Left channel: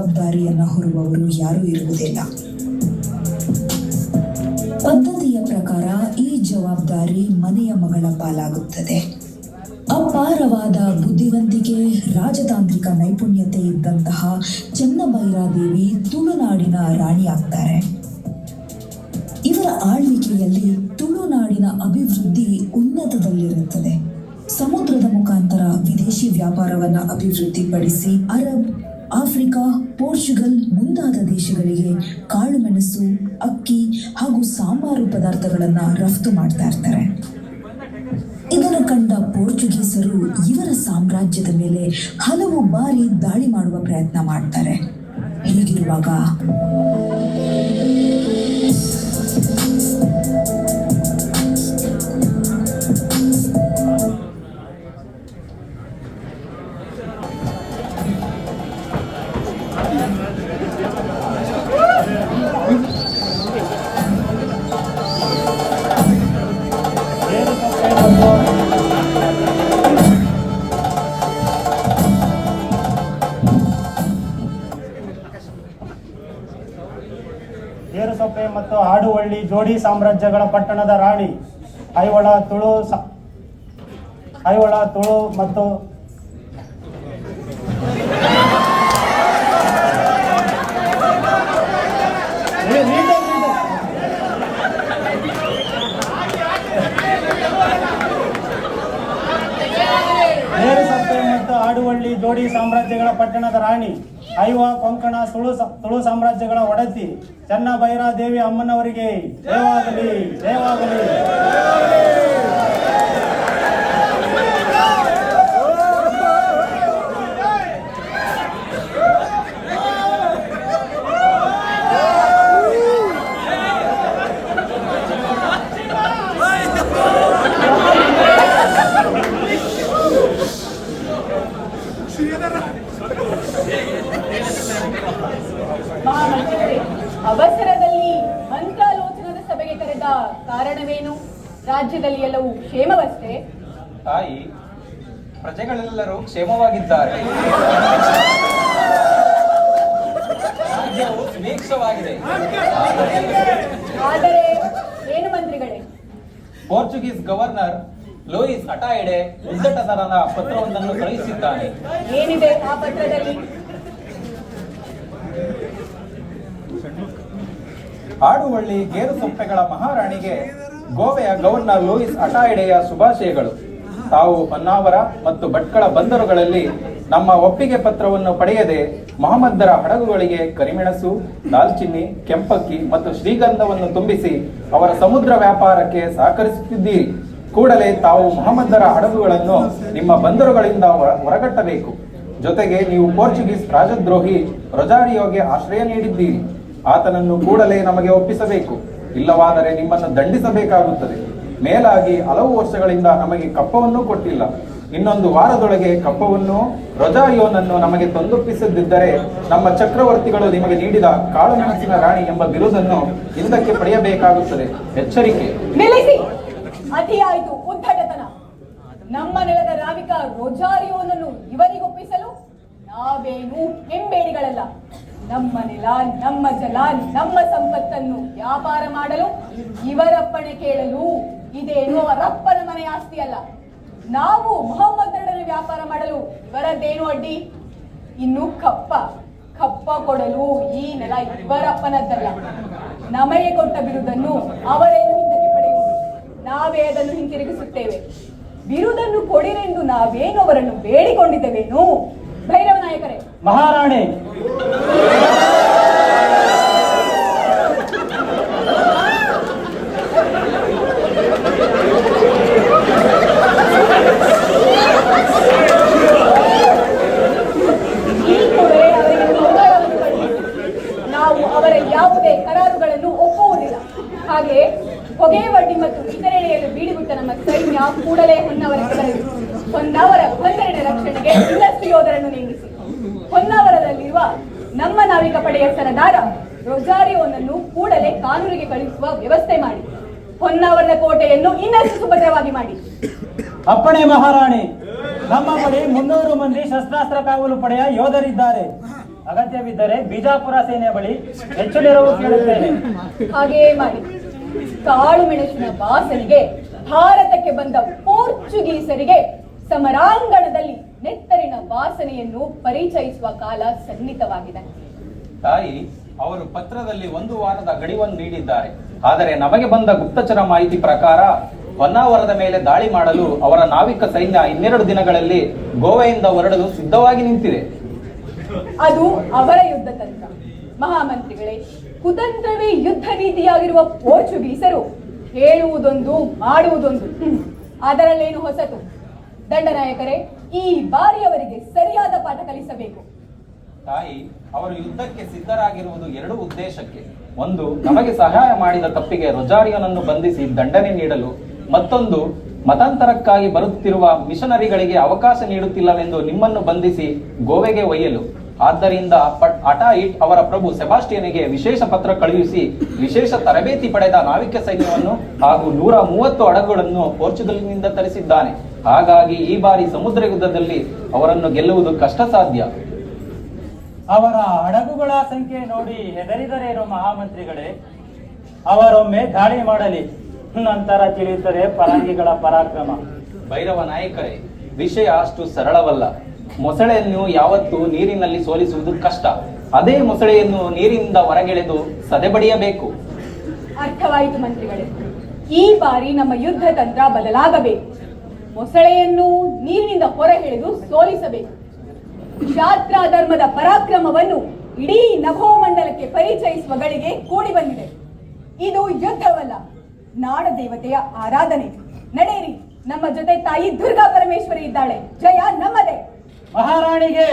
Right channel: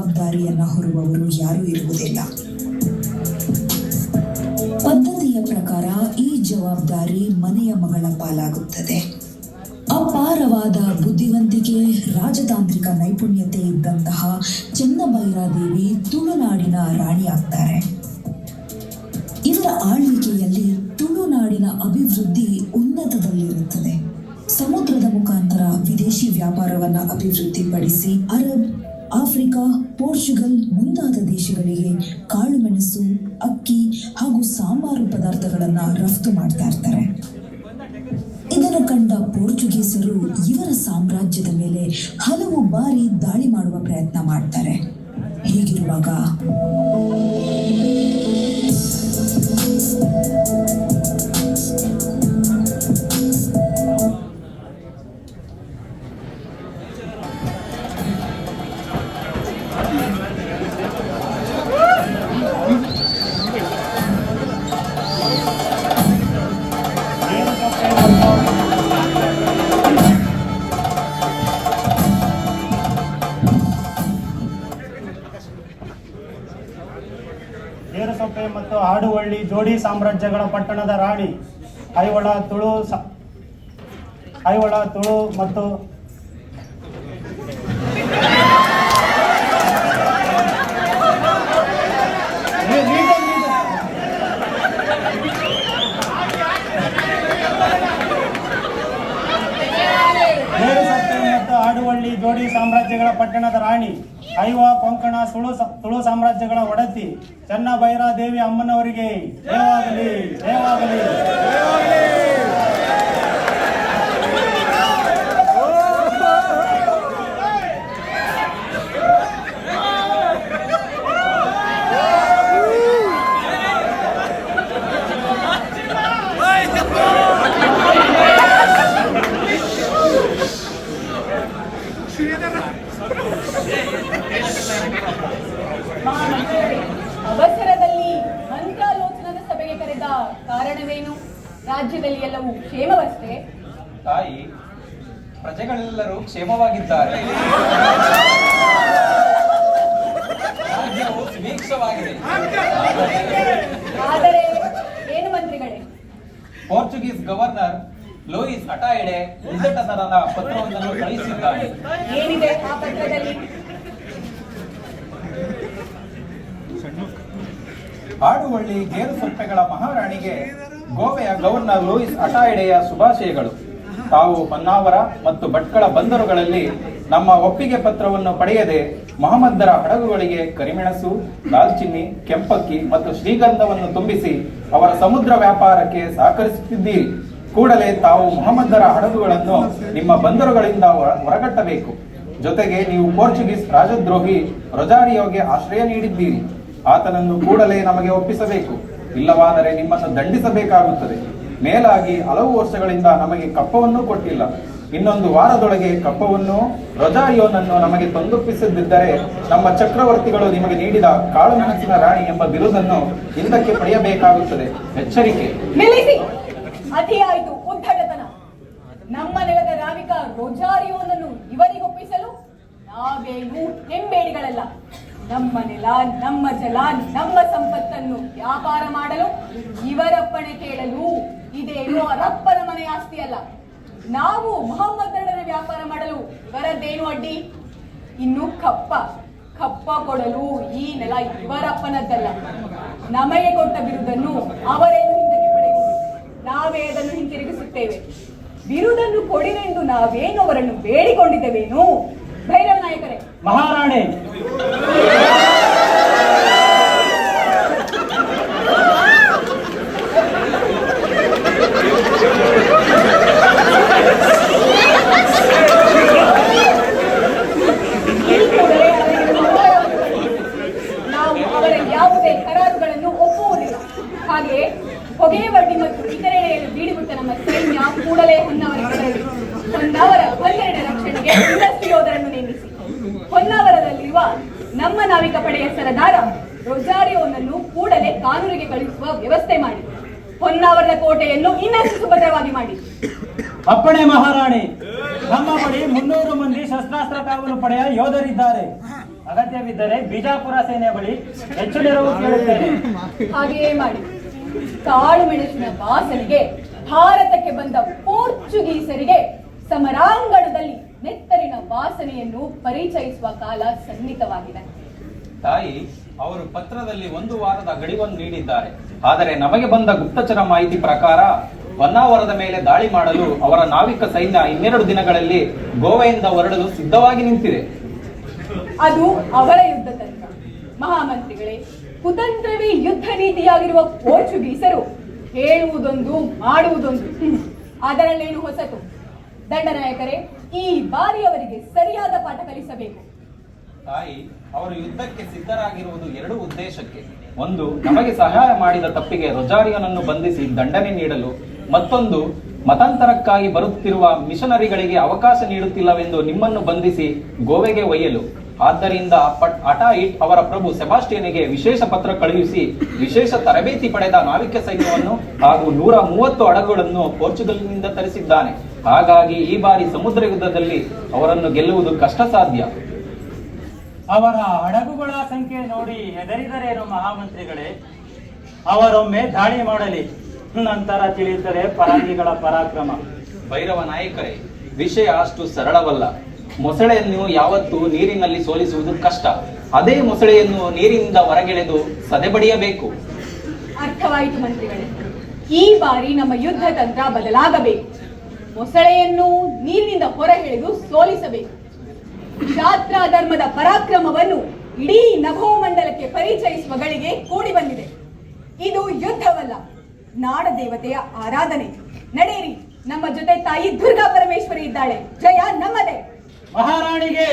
ಜವಾಬ್ದಾರಿಯನ್ನು ಹೊರುವವರು ಯಾರೂ ಇರುವುದಿಲ್ಲ. ಪದ್ಧತಿಯ ಪ್ರಕಾರ ಈ ಜವಾಬ್ದಾರಿ ಮನೆಯ ಮಗಳ ಪಾಲಾಗುತ್ತದೆ. ಅಪಾರವಾದ ಬುದ್ಧಿವಂತಿಕೆ, ರಾಜತಾಂತ್ರಿಕ ನೈಪುಣ್ಯತೆ ಇದ್ದಂತಹ ಚೆನ್ನಭೈರಾದೇವಿ ತುಳುನಾಡಿನ ರಾಣಿಯಾಗ್ತಾರೆ. ಇವರ ಆಳ್ವಿಕೆಯಲ್ಲಿ ತುಳುನಾಡಿನ ಅಭಿವೃದ್ಧಿ ಉನ್ನತದಲ್ಲಿರುತ್ತದೆ. ಸಮುದ್ರದ ಮುಖಾಂತರ ವಿದೇಶಿ ವ್ಯಾಪಾರವನ್ನು ಅಭಿವೃದ್ಧಿಪಡಿಸಿ ಅರಬ್, ಆಫ್ರಿಕಾ, ಪೋರ್ಚುಗಲ್ ಮುಂತಾದ ದೇಶಗಳಿಗೆ ಕಾಳುಮೆಣಸು, ಅಕ್ಕಿ ಹಾಗೂ ಸಾಂಬಾರು ಪದಾರ್ಥಗಳನ್ನು ರಫ್ತು ಮಾಡ್ತಾ ಇರ್ತಾರೆ. ಇದನ್ನು ಕಂಡ ಪೋರ್ಚುಗೀಸರು ಇವರ ಸಾಮ್ರಾಜ್ಯದ ಮೇಲೆ ಹಲವು ಬಾರಿ ದಾಳಿ ಮಾಡುವ ಪ್ರಯತ್ನ ಮಾಡ್ತಾರೆ. ಹೀಗಿರುವಾಗ ಗೇರುಸೊಪ್ಪೆ ಮತ್ತು ಆಡುವಳ್ಳಿ ಜೋಡಿ ಸಾಮ್ರಾಜ್ಯಗಳ ಪಟ್ಟಣದ ರಾಣಿ ಐಹೊಳ ತುಳು ಮತ್ತು ಆಡುವಳ್ಳಿ ಜೋಡಿ ಸಾಮ್ರಾಜ್ಯಗಳ ಪಟ್ಟಣದ ರಾಣಿ ಐವ ಕೊಂಕಣ ತುಳು ಸಾಮ್ರಾಜ್ಯಗಳ ಒಡತಿ ಚೆನ್ನಭೈರಾದೇವಿ ಅಮ್ಮನವರಿಗೆ ಜಯವಾಗಲಿ, ಜಯವಾಗಲಿ. ಅವಸರದಲ್ಲಿ ಮಂತ್ರಾಲೋಚನದ ಸಭೆಗೆ ಕರೆದ ಕಾರಣವೇನು? ರಾಜ್ಯದಲ್ಲಿ ಎಲ್ಲವೂ ಕ್ಷೇಮವಷ್ಟೇ? ತಾಯಿ, ಪ್ರಜೆಗಳೆಲ್ಲರೂ ಕ್ಷೇಮವಾಗಿದ್ದಾರೆ. ರಾಜ್ಯವು ಸುಭೀಕ್ಷವಾಗಿದೆ. ಆದರೆ ಏನು ಮಂತ್ರಿಗಳೇ? ಪೋರ್ಚುಗೀಸ್ ಗವರ್ನರ್ ಲೂಯಿಸ್ ಅಟಾಯಿಡೆ ಉದ್ದಟತನದ ಪತ್ರವೊಂದನ್ನು ಕಳುಹಿಸಿದ್ದಾನೆ. ಏನಿದೆ ಆ ಪತ್ರದಲ್ಲಿ? ಆಡುವಳ್ಳಿ ಗೇರುಸೊಪ್ಪೆಗಳ ಮಹಾರಾಣಿಗೆ ಗೋವೆಯ ಗವರ್ನರ್ ಲೂಯಿಸ್ ಅಟಾಯಿಡೆಯ ಶುಭಾಶಯಗಳು. ತಾವು ಹೊನ್ನಾವರ ಮತ್ತು ಭಟ್ಕಳ ಬಂದರುಗಳಲ್ಲಿ ನಮ್ಮ ಒಪ್ಪಿಗೆ ಪತ್ರವನ್ನು ಪಡೆಯದೆ ಮೊಹಮ್ಮದರ ಹಡಗುಗಳಿಗೆ ಕರಿಮೆಣಸು, ದಾಲ್ಚಿನ್ನಿ, ಕೆಂಪಕ್ಕಿ ಮತ್ತು ಶ್ರೀಗಂಧವನ್ನು ತುಂಬಿಸಿ ಅವರ ಸಮುದ್ರ ವ್ಯಾಪಾರಕ್ಕೆ ಸಹಕರಿಸುತ್ತಿದ್ದೀರಿ. ಕೂಡಲೇ ತಾವು ಮೊಹಮ್ಮದರ ಹಡಗುಗಳನ್ನು ನಿಮ್ಮ ಬಂದರುಗಳಿಂದ ಹೊರಗಟ್ಟಬೇಕು. ಜೊತೆಗೆ ನೀವು ಪೋರ್ಚುಗೀಸ್ ರಾಜದ್ರೋಹಿ ರೊಜಾರಿಯೋಗೆ ಆಶ್ರಯ ನೀಡಿದ್ದೀರಿ. ಆತನನ್ನು ಕೂಡಲೇ ನಮಗೆ ಒಪ್ಪಿಸಬೇಕು, ಇಲ್ಲವಾದರೆ ನಿಮ್ಮನ್ನು ದಂಡಿಸಬೇಕಾಗುತ್ತದೆ. ಮೇಲಾಗಿ ಹಲವು ವರ್ಷಗಳಿಂದ ನಮಗೆ ಕಪ್ಪವನ್ನೂ ಕೊಟ್ಟಿಲ್ಲ. ಇನ್ನೊಂದು ವಾರದೊಳಗೆ ಕಪ್ಪವನ್ನು, ರೊಜಾರಿಯೋನನ್ನು ನಮಗೆ ತಂದೊಪ್ಪಿಸದಿದ್ದರೆ ನಮ್ಮ ಚಕ್ರವರ್ತಿಗಳು ನಿಮಗೆ ನೀಡಿದ ಕಾಳುಮೆಣಸಿನ ರಾಣಿ ಎಂಬ ಬಿರುದನ್ನು ಹಿಂದಕ್ಕೆ ಪಡೆಯಬೇಕಾಗುತ್ತದೆ. ಎಚ್ಚರಿಕೆ. ಅತಿಯಾಯಿತು ಉದ್ದಟತನ. ನಮ್ಮ ನೆಲದ ನಾವಿಕ ರೊಜಾರಿಯೋನನ್ನು ಇವರಿಗೊಪ್ಪಿಸಲು ನಾವೇನು ಹೆಂಬೇಡಿಗಳಲ್ಲ. ನಮ್ಮ ನೆಲ, ನಮ್ಮ ಜಲ, ನಮ್ಮ ಸಂಪತ್ತನ್ನು ವ್ಯಾಪಾರ ಮಾಡಲು ಇವರಪ್ಪಣೆ ಕೇಳಲು ಇದೇನು ರಪ್ಪನ ಮನೆ ಆಸ್ತಿ ಅಲ್ಲ. ನಾವು ಮೊಹಮ್ಮದರೊಡನೆ ವ್ಯಾಪಾರ ಮಾಡಲು ಇವರದ್ದೇನು ಅಡ್ಡಿ? ಇನ್ನು ಕಪ್ಪ ಕೊಡಲು ಈ ನೆಲ ಇವರಪ್ಪನದ್ದಲ್ಲ. ನಮಗೆ ಕೊಟ್ಟ ಬಿರುದನ್ನು ಅವರೇನು ಹಿಂದಕ್ಕೆ ಪಡೆಯುವುದು, ನಾವೇ ಅದನ್ನು ಹಿಂತಿರುಗಿಸುತ್ತೇವೆ. ಬಿರುದನ್ನು ಕೊಡಿರೆಂದು ನಾವೇನು ಅವರನ್ನು ಬೇಡಿಕೊಂಡಿದ್ದೇವೇನು? ಭೈರವ ನಾಯಕರೇ, ಮಹಾರಾಣಿ, ನಾವು ಅವರ ಯಾವುದೇ ಕರಾರುಗಳನ್ನು ಒಪ್ಪುವುದಿಲ್ಲ. ಹಾಗೆ ಹೊಗೆ ವಡ್ಡಿ ಮತ್ತು ಇತರೆಯನ್ನು ಬೀಡಿಬಿಟ್ಟ ನಮ್ಮ ಸೈನ್ಯ ಕೂಡಲೇ ಹೊನ್ನಾವರಕ್ಕೆ ಬರಲಿ. ಹೊನ್ನಾವರ 12 ರಕ್ಷಣೆಗೆ ಇನ್ನಷ್ಟು ಯೋಧರನ್ನು ನೇಮಿಸಿ ಹೊನ್ನಾವರದಲ್ಲಿರುವ ನಮ್ಮ ನಾವಿಕ ಪಡೆಯ ಸರದಾರ ರೊಜಾರಿಯೋನನ್ನು ಕೂಡಲೇ ಕಾನೂರಿಗೆ ಕಳುಹಿಸುವ ವ್ಯವಸ್ಥೆ ಮಾಡಿ ಹೊನ್ನಾವರದ ಕೋಟೆಯನ್ನು ಇನ್ನಷ್ಟು ಸುಭದ್ರವಾಗಿ ಮಾಡಿ. ಅಪ್ಪಣೆ ಮಹಾರಾಣಿ. ನಮ್ಮ ಬಳಿ 300 ಮಂದಿ ಶಸ್ತ್ರಾಸ್ತ್ರ ಕಾವಲು ಪಡೆಯ ಯೋಧರಿದ್ದಾರೆ. ಅಗತ್ಯವಿದ್ದರೆ ಬಿಜಾಪುರ ಸೇನೆ ಬಳಿ ಹೆಚ್ಚು ನೆರವು ಕೇಳುತ್ತೇನೆ. ಹಾಗೆಯೇ ಮಾಡಿ. ಕಾಳು ಮೆಣಸಿನ ವಾಸನೆಗೆ ಭಾರತಕ್ಕೆ ಬಂದ ಪೋರ್ಚುಗೀಸರಿಗೆ ಸಮರಾಂಗಣದಲ್ಲಿ ನೆತ್ತರಿನ ವಾಸನೆಯನ್ನು ಪರಿಚಯಿಸುವ ಕಾಲ ಸನ್ನಿಹಿತವಾಗಿದೆ. ತಾಯಿ, ಅವರು ಪತ್ರದಲ್ಲಿ 1 ವಾರದ ಗಡಿವನ್ನು ನೀಡಿದ್ದಾರೆ. ಆದರೆ ನಮಗೆ ಬಂದ ಗುಪ್ತಚರ ಮಾಹಿತಿ ಪ್ರಕಾರ ಹೊನ್ನಾವರದ ಮೇಲೆ ದಾಳಿ ಮಾಡಲು ಅವರ ನಾವಿಕ ಸೈನ್ಯ 12 ದಿನಗಳಲ್ಲಿ ಗೋವೆಯಿಂದ ಹೊರಡಲು ಸಿದ್ಧವಾಗಿ ನಿಂತಿದೆ. ಅದು ಅವರ ಯುದ್ಧ ತಂತ್ರ. ಮಹಾಮಂತ್ರಿಗಳೇ, ಕುತಂತ್ರವೇ ಯುದ್ಧ ರೀತಿಯಾಗಿರುವ ಪೋರ್ಚುಗೀಸರು ಹೇಳುವುದೊಂದು ಮಾಡುವುದೊಂದು. ಅದರಲ್ಲೇನು ಹೊಸತು? ದಂಡನಾಯಕರೇ, ಈ ಬಾರಿ ಅವರಿಗೆ ಸರಿಯಾದ ಪಾಠ ಕಲಿಸಬೇಕು. ತಾಯಿ, ಅವರು ಯುದ್ಧಕ್ಕೆ ಸಿದ್ಧರಾಗಿರುವುದು 2 ಉದ್ದೇಶಕ್ಕೆ. ಒಂದು, ನಮಗೆ ಸಹಾಯ ಮಾಡಿದ ತಪ್ಪಿಗೆ ರೊಜಾರಿಯನನ್ನು ಬಂಧಿಸಿ ದಂಡನೆ ನೀಡಲು. ಮತ್ತೊಂದು, ಮತಾಂತರಕ್ಕಾಗಿ ಬರುತ್ತಿರುವ ಮಿಷನರಿಗಳಿಗೆ ಅವಕಾಶ ನೀಡುತ್ತಿಲ್ಲವೆಂದು ನಿಮ್ಮನ್ನು ಬಂಧಿಸಿ ಗೋವೆಗೆ ಒಯ್ಯಲು. ಆದ್ದರಿಂದ ಅಟಾಯಿಟ್ ಅವರ ಪ್ರಭು ಸೆಬಾಸ್ಟಿಯನಿಗೆ ವಿಶೇಷ ಪತ್ರ ಕಳುಹಿಸಿ ವಿಶೇಷ ತರಬೇತಿ ಪಡೆದ ನಾವಿಕ ಸೈನ್ಯವನ್ನು ಹಾಗೂ 130 ಹಡಗುಗಳನ್ನು ಪೋರ್ಚುಗಲ್ನಿಂದ ತರಿಸಿದ್ದಾನೆ. ಹಾಗಾಗಿ ಈ ಬಾರಿ ಸಮುದ್ರ ಯುದ್ಧದಲ್ಲಿ ಅವರನ್ನು ಗೆಲ್ಲುವುದು ಕಷ್ಟ ಸಾಧ್ಯ. ಅವರ ಹಡಗುಗಳ ಸಂಖ್ಯೆ ನೋಡಿ ಹೆದರಿದರೇನು ಮಹಾಮಂತ್ರಿಗಳೇ? ಅವರೊಮ್ಮೆ ದಾಳಿ ಮಾಡಲಿ, ನಂತರ ತಿಳಿಯುತ್ತದೆ ಪರಂಗಿಗಳ ಪರಾಕ್ರಮ. ಭೈರವ ನಾಯಕರೇ, ವಿಷಯ ಅಷ್ಟು ಸರಳವಲ್ಲ. ಮೊಸಳೆಯನ್ನು ಯಾವತ್ತೂ ನೀರಿನಲ್ಲಿ ಸೋಲಿಸುವುದು ಕಷ್ಟ. ಅದೇ ಮೊಸಳೆಯನ್ನು ನೀರಿನಿಂದ ಹೊರಗೆಳೆದು ಸದೆಬಡಿಯಬೇಕು. ಅರ್ಥವಾಯಿತು ಮಂತ್ರಿಗಳೇ. ಈ ಬಾರಿ ನಮ್ಮ ಯುದ್ಧ ತಂತ್ರ ಬದಲಾಗಬೇಕು. ಮೊಸಳೆಯನ್ನು ನೀರಿನಿಂದ ಹೊರಗೆಳೆದು ಸೋಲಿಸಬೇಕು. ಯಾತ್ರಾ ಧರ್ಮದ ಪರಾಕ್ರಮವನ್ನು ಇಡೀ ನಭೋಮಂಡಲಕ್ಕೆ ಪರಿಚಯಿಸುವ ಗಳಿಗೆ ಕೂಡಿ ಬಂದಿದೆ. ಇದು ಯುದ್ಧವಲ್ಲ, ನಾಡ ದೇವತೆಯ ಆರಾಧನೆ. ನಡೆಯಿರಿ, ನಮ್ಮ ಜೊತೆ ತಾಯಿ ದುರ್ಗಾ ಪರಮೇಶ್ವರಿ ಇದ್ದಾಳೆ. ಜಯ ನಮ್ಮದೇ. ಮಹಾರಾಣಿಗೆ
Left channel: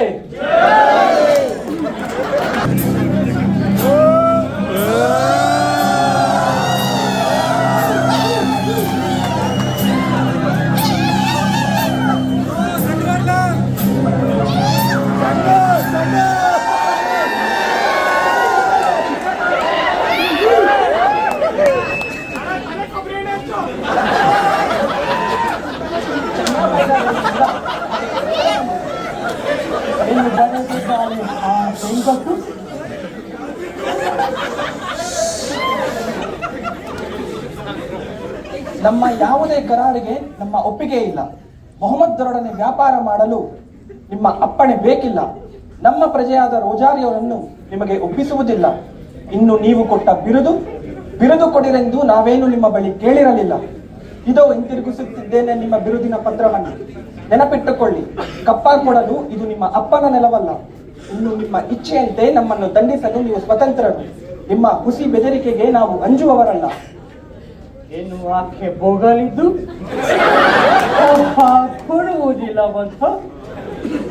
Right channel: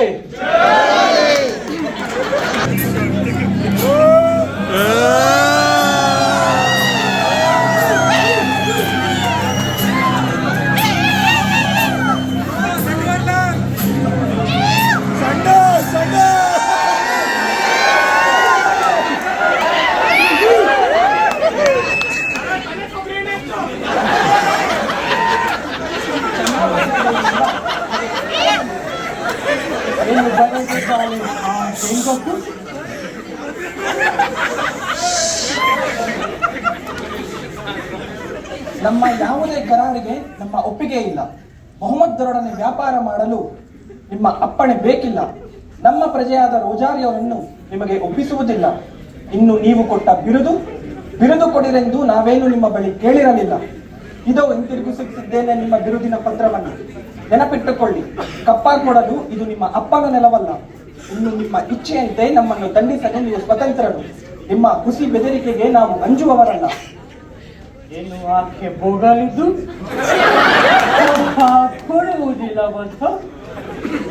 ನಮ್ಮ ಯಾವುದೇ ಕರಾರಿಗೆ ನಮ್ಮ ಒಪ್ಪಿಗೆ ಇಲ್ಲ. ಮೊಹಮ್ಮದರೊಡನೆ ವ್ಯಾಪಾರ ಮಾಡಲು ನಿಮ್ಮ ಅಪ್ಪಣೆ ಬೇಕಿಲ್ಲ. ನಮ್ಮ ಪ್ರಜೆಯಾದ ರೋಜಾರಿಯವರನ್ನು ನಿಮಗೆ ಒಪ್ಪಿಸುವುದಿಲ್ಲ. ಇನ್ನು ನೀವು ಕೊಟ್ಟ ಬಿರುದು ಕೊಡಿರೆಂದು ನಾವೇನು ನಿಮ್ಮ ಬಳಿ ಕೇಳಿರಲಿಲ್ಲ. ಇದೋ ಹಿಂತಿರುಗಿಸುತ್ತಿದ್ದೇನೆ ನಿಮ್ಮ ಬಿರುದಿನ ಪತ್ರವನ್ನು. ನೆನಪಿಟ್ಟುಕೊಳ್ಳಿ, ಕಪ್ಪಾಗಿ ಕೊಡಲು ಇದು ನಿಮ್ಮ ಅಪ್ಪನ ನೆಲವಲ್ಲ. ಇನ್ನು ನಿಮ್ಮ ಇಚ್ಛೆಯಂತೆ ನಮ್ಮನ್ನು ದಂಡಿಸಲು ನೀವು ಸ್ವತಂತ್ರರು. ನಿಮ್ಮ ಹುಸಿ ಬೆದರಿಕೆಗೆ ನಾವು ಅಂಜುವವರಲ್ಲ. ಏನು ಆಕೆ ಬೋಗಲಿದ್ದು ಕೊಡುವುದಿಲ್ಲ ಗೊತ್ತು.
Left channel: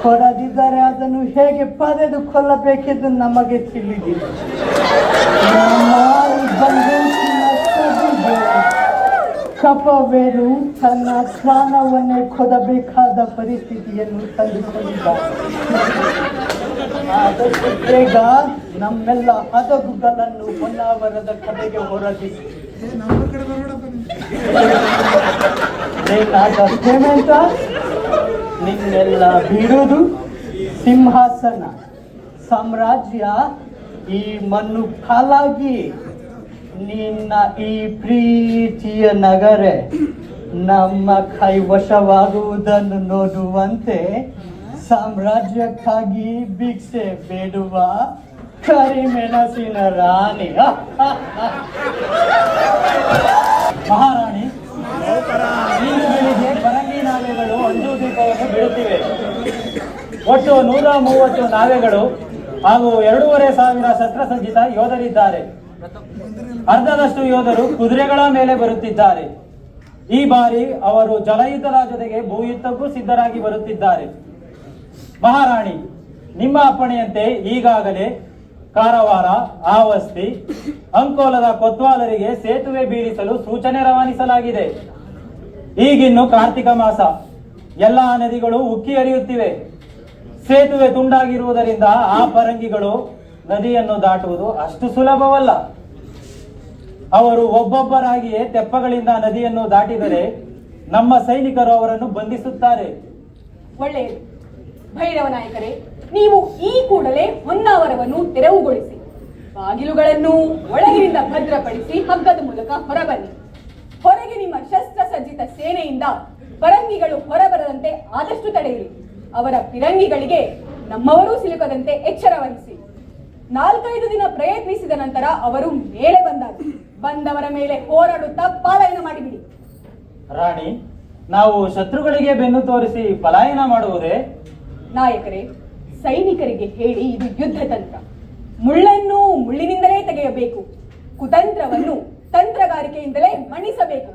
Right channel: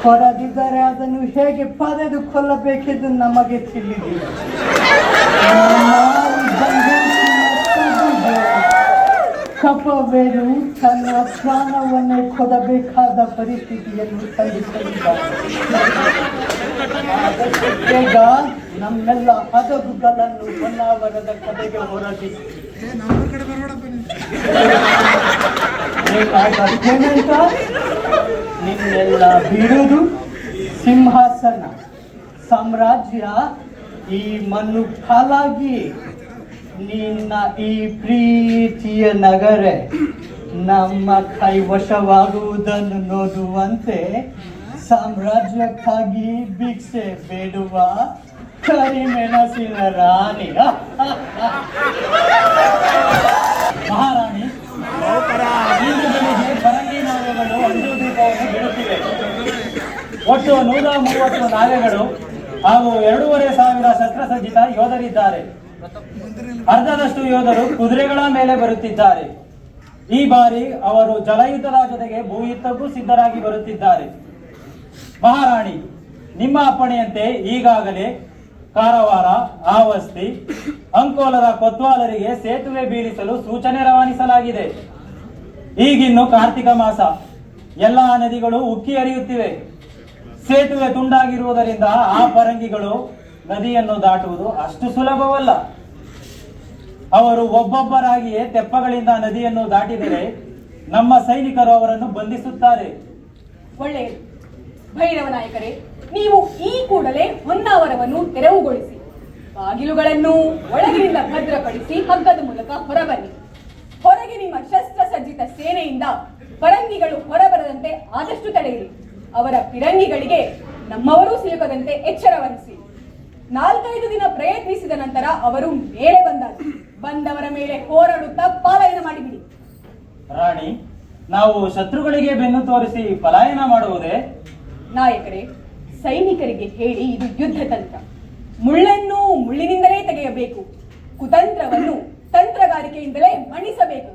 ಕೊಡದಿದ್ದರೆ ಅದನ್ನು ಹೇಗೆ ಪಡೆದು ಕೊಲ್ಲಬೇಕೆಂದು ನಮಗೆ ತಿಳಿದಿಲ್ಲ. ಕಪವೇರು ತನ್ನ ಪ್ರಾಣವನ್ನೇ ಕೊಡಬೇಕಾದ ಪರಿಸ್ಥಿತಿಯನ್ನು ತಂದುಕೊಂಡಿದ್ದಾರೆ. ಬೇಗ ನಮ್ಮೆಲ್ಲ ಹದಗುಗಳನ್ನು ಹೊನ್ನಾವರದ ಕಡೆಗೆ ಹೊರಟಿ ನಿನ್ನೆಲ್ಲ ಬಿಡುವುದು ಸಿಂಹಾಸನ ಸಾಮ್ರಾಜ್ಯ ಈ ಮಣ್ಣು ಕಾಲಾಗಿ ನಿನ್ನ ಈ ಪ್ರೀತಿಯ ನಗರ ನಮ್ಮ ಕೈವಶವಾಗುವುದನ್ನು ನೋಡುವಂತೆ ಸಾಮ್ರಾಜ್ಯಕ್ಕಾಗಿ ಭಿಕ್ಷೆ ಬೇಡುವ ಕರಿಮೆಣಸಿನ ರಾಣಿ. ಮಹಾರಾಣಿ, ಈಗಿಗೆ ಪರಂಗಿ ನಾವೆಗಳು 1 ದೀಪವನ್ನು ಬಿಡುತ್ತಿವೆ. ಒಟ್ಟು 130 ನಾವೆಗಳು ಹಾಗೂ 2500 ಶಸ್ತ್ರಸಜ್ಜಿತ ಯೋಧರಿದ್ದಾರೆ. ಅರ್ಧದಷ್ಟು ಯೋಧರು ಕುದುರೆಗಳ ಮೇಲೆ ಬರುತ್ತಿದ್ದಾರೆ. ಈ ಬಾರಿ ಅವರು ಜಲಯುದ್ಧದ ಜೊತೆಗೆ ಭೂಯುದ್ಧಕ್ಕೂ ಸಿದ್ಧರಾಗಿ ಬರುತ್ತಿದ್ದಾರೆ. ಮಹಾರಾಣಿ, ನಿಮ್ಮ ಅಪ್ಪಣೆಯಂತೆ ಈಗಾಗಲೇ ಕಾರವಾರ, ಆವಸ್ತಿ, ಅಂಕೋಲದ ಕೊತ್ವಾಲರಿಗೆ ಸೇತುವೆ ಬೀಳಿಸಲು ಸೂಚನೆ ರವಾನಿಸಲಾಗಿದೆ. ಈಗಿನ್ನು ಕಾರ್ತಿಕ ಮಾಸ, ಎಲ್ಲ ನದಿಗಳು ಉಕ್ಕಿ ಹರಿಯುತ್ತಿವೆ. ಸೇತುವೆ ತುಂಡಾಗಿರುವುದರಿಂದ ಆ ಪರಂಗಿಗಳು ನದಿಯನ್ನು ದಾಟುವುದು ಅಷ್ಟು ಸುಲಭವಲ್ಲ. ಅವರು ಒಬ್ಬೊಬ್ಬರಾಗಿಯೇ ತೆಪ್ಪಗಳಿಂದ ನದಿಯನ್ನು ದಾಟಿದರೆ ನಮ್ಮ ಸೈನಿಕರು ಅವರನ್ನು ಬಂಧಿಸುತ್ತಾರೆ. ಒಳ್ಳೆಯದು. ಭೈರವ ನಾಯಕರೇ, ನೀವು ಈ ಕೂಡಲೇ ಹೊನ್ನಾವರವನ್ನು ತೆರವುಗೊಳಿಸಿ, ಬಾಗಿಲುಗಳನ್ನು ಒಳಗಿನಿಂದ ಭದ್ರಪಡಿಸಿ ಹಗ್ಗದ ಮೂಲಕ ಹೊರಬನ್ನಿ. ಹೊರಗೆ ನಿಮ್ಮ ಶಸ್ತ್ರಸಜ್ಜಿತ ಸೇನೆಯಿಂದ ಪರಂಗಿಗಳು ಹೊರಬರದಂತೆ ಆದಷ್ಟು ತಡೆಯಿರಿ. ಅವರ ಫಿರಂಗಿಗಳಿಗೆ ನಮ್ಮವರೂ ಸಿಲುಕದಂತೆ ಎಚ್ಚರ ವಹಿಸಿ. 4-5 ದಿನ ಪ್ರಯತ್ನಿಸಿದ ನಂತರ ಅವರು ಮೇಲೆ ಬಂದವರ ಮೇಲೆ ಹೋರಾಡುತ್ತಾ ಪಲಾಯನ ಮಾಡಿಬಿಡಿ. ರಾಣಿ, ನಾವು ಶತ್ರುಗಳಿಗೆ ಬೆನ್ನು ತೋರಿಸಿ ಪಲಾಯನ ಮಾಡುವುದೇ? ನಾಯಕರೇ, ಸೈನಿಕರಿಗೆ ಹೇಳಿ ಇದು ಯುದ್ಧ ತಂತ್ರ. ಮುಳ್ಳನ್ನು ಮುಳ್ಳಿನಿಂದಲೇ ತೆಗೆಯಬೇಕು, ಕುತಂತ್ರವನ್ನು ತಂತ್ರಗಾರಿಕೆಯಿಂದಲೇ ಮಣಿಸಬೇಕು.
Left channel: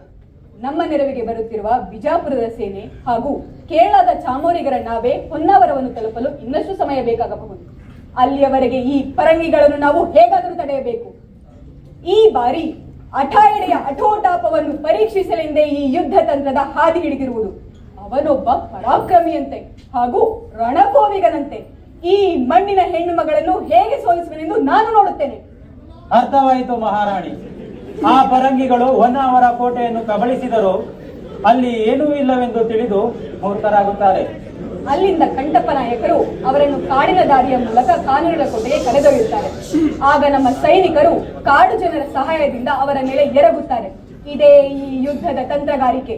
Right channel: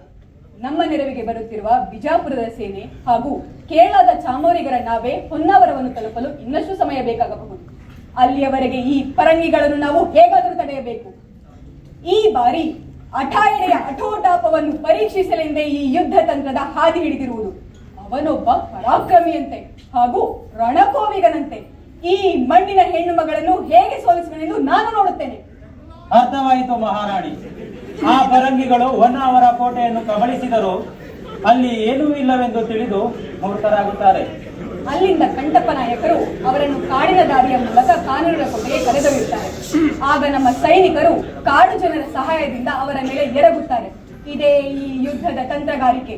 ನಮ್ಮ ನೆರವಿಗೆ ಬರುತ್ತಿರುವ ಬಿಜಾಪುರದ ಸೇನೆ ಹಾಗೂ ಕೇರಳದ ಚಾಮೋರಿಗರ ನಾವೇ ಹೊನ್ನಾವರವನ್ನು ತಲುಪಲು ಇನ್ನಷ್ಟು ಸಮಯ ಬೇಕಾಗಬಹುದು. ಅಲ್ಲಿಯವರೆಗೆ ಈ ಪರಂಗಿಗಳನ್ನು ನಾವು ಹೇಗಾದರೂ ತಡೆಯಬೇಕು. ಈ ಬಾರಿ ಅಠಾಯಣೆಯ ಅಠೋಟಾಪವನ್ನು ಪರೀಕ್ಷಿಸಲೆಂದೇ ಈ ಯುದ್ಧ ತಂತ್ರದ ಹಾದಿ ಹಿಡಿದಿರುವುದು. ಅವನೊಬ್ಬ ಪರಾಕ್ರಮಿಯಂತೆ ಹಾಗೂ ರಣಕೋವಿಗನಂತೆ ಈ ಮಣ್ಣಿನ ಹೆಣ್ಣು ಮಗಳನ್ನು ಹೇಗೆ ಸೋಲಿಸುವನೆಂದು ನಾನು ನೋಡುತ್ತೇನೆ. ಅರ್ಥವಾಯಿತು ಮಹಾರಾಣಿ. ಆ ಪರಂಗಿಗಳು ಹೊನ್ನಾವರ ಕೋಟೆಯನ್ನು ಕಬಳಿಸಿದರು, ಅಲ್ಲಿ ಏನೂ ಇಲ್ಲವೆಂದು ತಿಳಿದು ಮೂರ್ಖರಾಗುತ್ತಾರೆ. ಅಲ್ಲಿಂದ ಕಂಟಪ್ಪ ನಾಯಕರು ಅವರನ್ನು ಕಾಡಿನ ದಾರಿಯ ಮೂಲಕ ಕಾನೂರಿನ ಕೋಟೆಗೆ ಕರೆದೊಯ್ಯುತ್ತಾರೆ. ಆಗ ನಮ್ಮ ಸೈನಿಕರು ಕಾಡು ಜನರ ಸಹಾಯದಿಂದ ಅವರ ಮೇಲೆ ಎರಗುತ್ತಾರೆ. ಇದೇ ಈ ಯುದ್ಧದ ತಂತ್ರಗಾರಿಕೆ.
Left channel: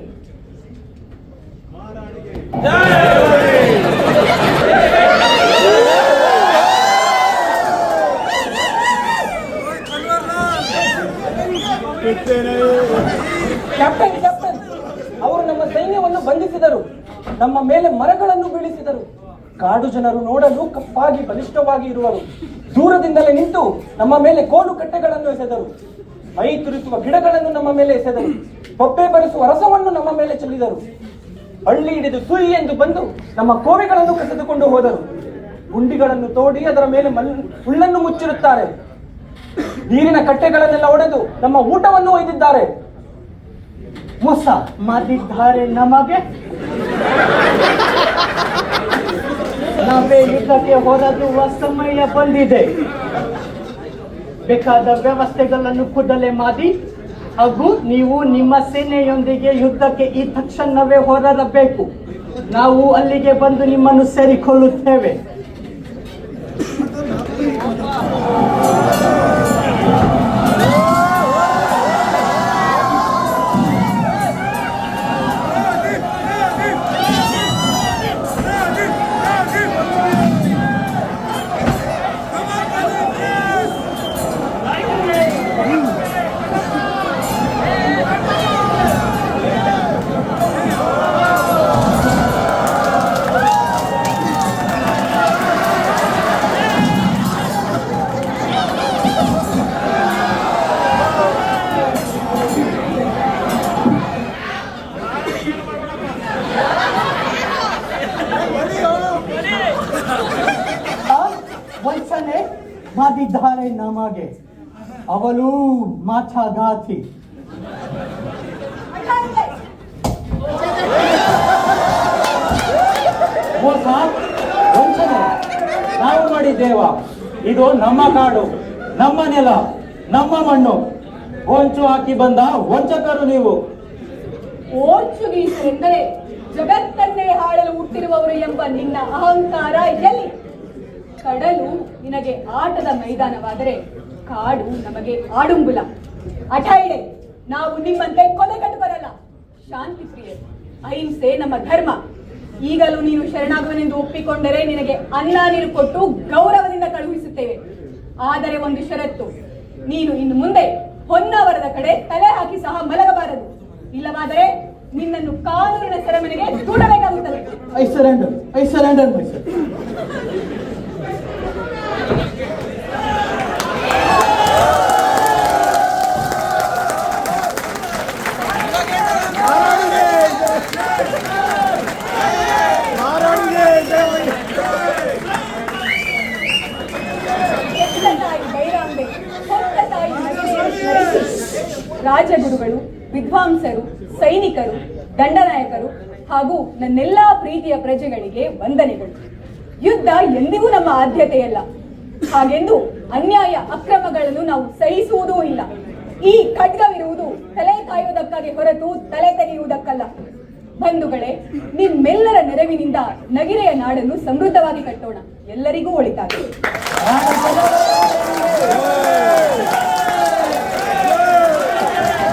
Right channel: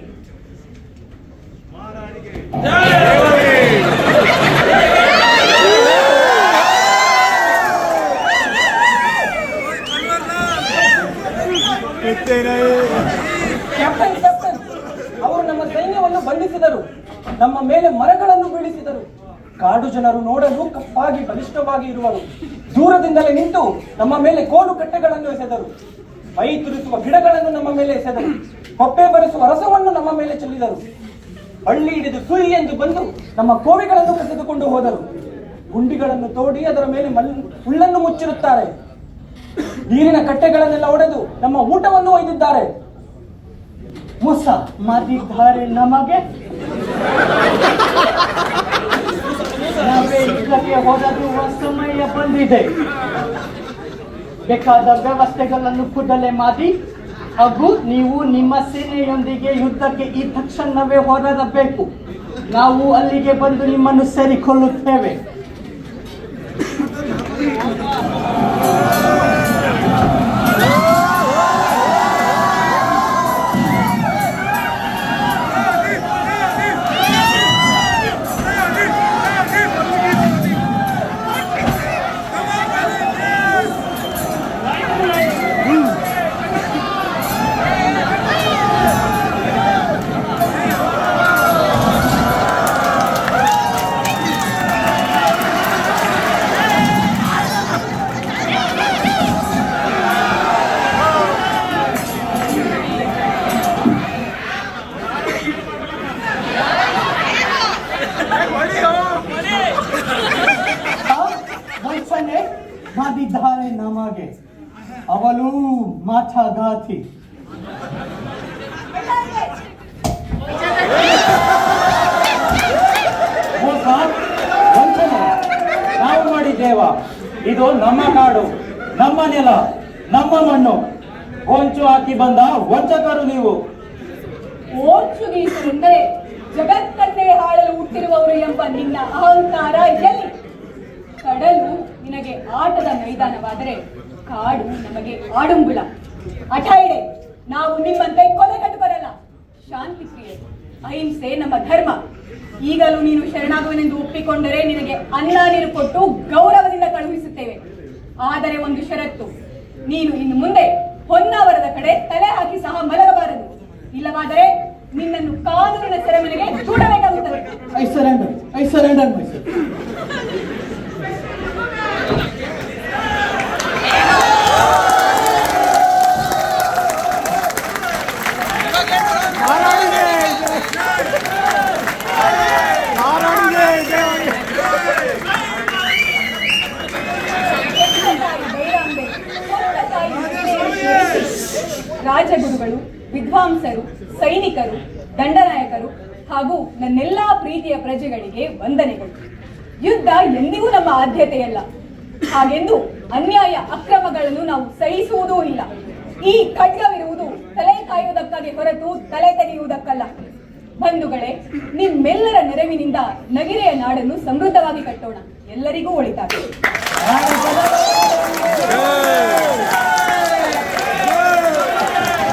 ಕ್ಯಾಪ್ಟನ್, ಅವರು ನಮ್ಮ ಸೈನ್ಯವನ್ನು ಬಂಧಿಸಿದರು, ನಮ್ಮ ಮೇಲೆ ಮರಗಳನ್ನು ಬೀಳಿಸಿದರು. ಕಾಡು ಜನರು ನೋಡಲು ಕಪ್ಪಾಗಿ ಬಲಿಷ್ಠವಾಗಿ ಇರುವರು. ದೂರದಿಂದಲೇ ನಿಂತು ನಮ್ಮ ಮೇಲೆ ಕೋಲು ಕಟ್ಟೆಗಳನ್ನು ಎಸೆದರು. ಮೈ ತುರಿಸುವ ಗಿಡಗಳನ್ನು ನಮ್ಮ ಮೇಲೆ ಎಸೆದರು. ಹೊಪ್ಪೆ ಬರೆಸುವ ರಸವನ್ನು ನಮ್ಮ ಮೇಲೆ ಚೆಲ್ಲಿದರು. ಹಳ್ಳಿ ಹಿಡಿದು ಸುಯಿ ಎಂದು ಬಂದು ನಮ್ಮ ಕೋವೆಗಳನ್ನು ಕಸಿದುಕೊಂಡು ಹೋದರು. ಗುಂಡಿಗಳನ್ನು ತೋಡಿ ಅದರ ಮೇಲೆ ಹುಲ್ಲನ್ನು ಮುಚ್ಚಿರುತ್ತಾರೆ. ನೀರಿನ ಕಟ್ಟೆಗಳನ್ನೆಲ್ಲ ಒಡೆದು ನಮ್ಮ ಊಟವನ್ನು ಒಯ್ದಿದ್ದಾರೆ. ಮೋಸ ಮಾಡಿದ್ದಾರೆ ನಮಗೆ. ನಾವೇ ಯುದ್ಧಕ್ಕೆ ಹೋರಾಡುವ ಸಮಯ ಬಂದಿದೆ. ಬೇಕಾದ ವ್ಯವಸ್ಥೆಗಳನ್ನು ಕೂಡಲೇ ಮಾಡಿ ಹಾಗೂ ನೀವು ನಿಮ್ಮ ಸೇನೆಯೊಂದಿಗೆ ಯುದ್ಧಕ್ಕೆ ಈ ತಕ್ಷಣವೇ ಹೋರಾಡಬೇಕು. ನಾವು ಅಲ್ಲಿಗೆ ಬಂದು ನಿಮ್ಮನ್ನು ಸೇರಿಕೊಳ್ಳುತ್ತೇವೆ. ವಂಚನೆ ಮಾಡಿದ್ದಾರೆ ನಮಗೆ. ಅವಳು ಮಾಟಗಾತಿ. ಮೋಸ, ವಂಚನೆ ನಾವು ಮಾಡಿದ್ದೇವ. ಇದು ನಮ್ಮ ಕಾಡು, ನಮ್ಮ ನೆಲ, ನಮ್ಮ ಮಣ್ಣು. ಹೊಂಚು ಹಾಕಿ ಬಂದ ವಂಚಕರು ನೀವು. ಓರ್ಚುಗೀಸರೆಂದರೆ ಜಗತ್ತನ್ನೇ ಹಾಳಲು ಹುಟ್ಟಿರುವವರು ಎಂಬ ನಿನ್ನ ಅಹಂಕಾರ ಎಲ್ಲಿ? ಕಡಲು ನಿನಗೆ ಆಟದ ಮೈದಾನವಾದರೆ ಕಾಡು ನಮಗೆ ಆಡುಂಬುಲ. ಅಠಾಯಣೆ, ನಾವು ನಿಮ್ಮಂತೆ ಕೊಲೆಗಟ್ಟುವರಲ್ಲ, ಶಾಂತಿ ಪ್ರಿಯರು. ಅಹಿಂಸೆ ನಮ್ಮ ಧರ್ಮ. ಈಗಲೂ ನೀನು ಶರಣಾಗುವನೆಂದು ಒಪ್ಪಿಕೊಂಡರೆ ನಿನಗೆ ಅನ್ನ ನೀರು ಕೊಟ್ಟು ಗೌರವದಿಂದ ಕಳುಹಿಸುತ್ತೇವೆ. ಆದರೆ ಒಂದು ಷರತ್ತು, ನೀನು ಇನ್ನು ಮುಂದೆ ಹೊನ್ನಾವರದ ಕಡೆ ತಲೆ ಹಾಕಿ ಸಹ ಮಲಗಬಾರದು. ಇಲ್ಲವಾದರೆ ನಿನ್ನನ್ನು ಕಾನೂನಿನ ಸೆರೆಮನೆಗೆ ದೂಡಬೇಕಾಗುತ್ತದೆ. I surrender myself. ರಾಜಗುರುಗಳು, ವಿದ್ವಾಂಸರು, ಸೈನಿಕರು, ದಂಡನಾಯಕರು ಹಾಗೂ ನನ್ನೆಲ್ಲಾ ಪ್ರೀತಿಯ ಪ್ರಜೆಗಳಿಗೆ ವಂದನೆಗಳು. ಯುದ್ಧ ಎಂದಿಗೂ ನಮ್ಮ ಆದ್ಯತೆಯಲ್ಲ. ಹಾಗೆಂದು ಅನ್ಯಾಯ ಅಕ್ರಮಗಳನ್ನು ನಾವು ಸಹಿಸುವುದೂ ಇಲ್ಲ. ಈ ಖಡ್ಗವಿರುವುದು ತಲೆ ಕಾಯುವುದಕ್ಕಾಗಿ ಹೊರತು ತಲೆ ತೆಗೆಯುವುದಕ್ಕಲ್ಲ. ಬಂಧುಗಳೇ, ನಿಮ್ಮೆಲ್ಲರ ನೆರವು ನೆರವಿನಿಂದ ನಗಿರೆಯ ನಾಡನ್ನು ಸಮೃದ್ಧವಾಗಿ ಕಟ್ಟೋಣ. ಎಲ್ಲರಿಗೂ ಒಳಿತಾಗಲಿ.